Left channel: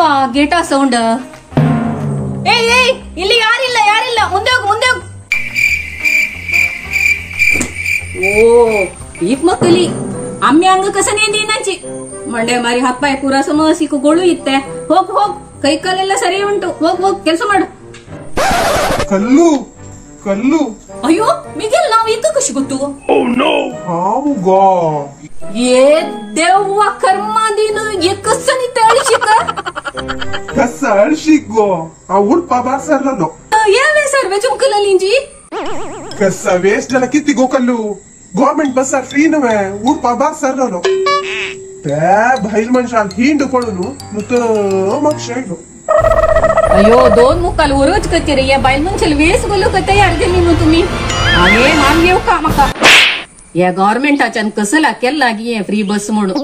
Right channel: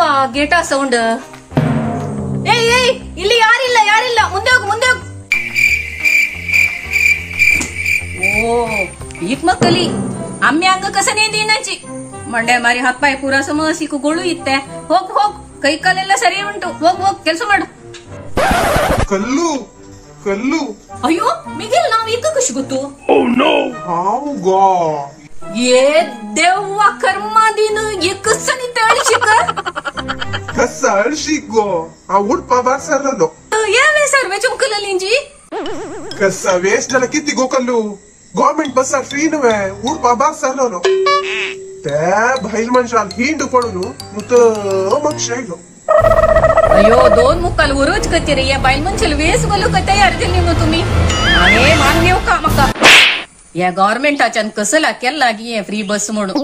ಏನವಾ ಗೇಟಾ sound? ಏಯ್ ಇಲ್ಲಿ ಯಾರಿಲ್ಲ ಮುಂದೆ ಹೋಗು. ಓ ಈಕ್ ಮಕ್ಕಳಿ ಅಮ್ಮೆ ಹಂಗ ಕಸನೇ ನೀನಾಚಿ ಮಂಡೆ ಮಾರಿ ಹಾಕ್ಪಾಯಿ ಪೂರ ಸಮಸಿಕುಗಳು ಇತ್ತೆ. ಹೋಗ್ ಕೈ ಕಾಲೆಲ್ಲ ಸರಿ ಉಂಟು. ಹೋಗ್ ಕೆಲಸ ಮಾಡು. ಕಲ್ಲು ಅಯ್ಯೋ ಮಿಗಿಲ್ ನಾವ್ ಈಗ ಖುಷಿ ಗೊತ್ತು. ಏ ದೇವ್ವ ಕರ್ಮ ನೀನು ಕಸನಿ ಅಳಿಸಿಕ ಕಸ ಅಳಿಸಿಗೋ ಆ ಉಳ್ಪ ಬಾರ್ಸರ್ನೋ ಏನೇ ಸರ್ವೆ ಚುಮ್ಕಲಲ್ಲಿಂಜಿ ಕಸ ವೇಸ್ಟ್ ಎಲ್ಲ ಕಿತ್ತಿಗೋ ಕಲ್ಲು ಗವರ್ಮೆಂಟ್ ಬಸ್ ಫ್ರೀನವೇ ಉಳ್ಪ ಬಾರ್ಸರ್ನೋ ಬೈಲ್ ಮನುಷ್ಯ ಹಿಂಡು ಕೊಡುನು ಮುತ್ತ ಮಕ್ಷ अयो 2 मुक्काल वरच करते रे या बाईल मनशल वेस बोलो कते अर्धे नीनु तुम्ही अरे मान घेऊ का मका या गव्हर्नमेंटाच्यान कसला केला की फ्री बस म्हणून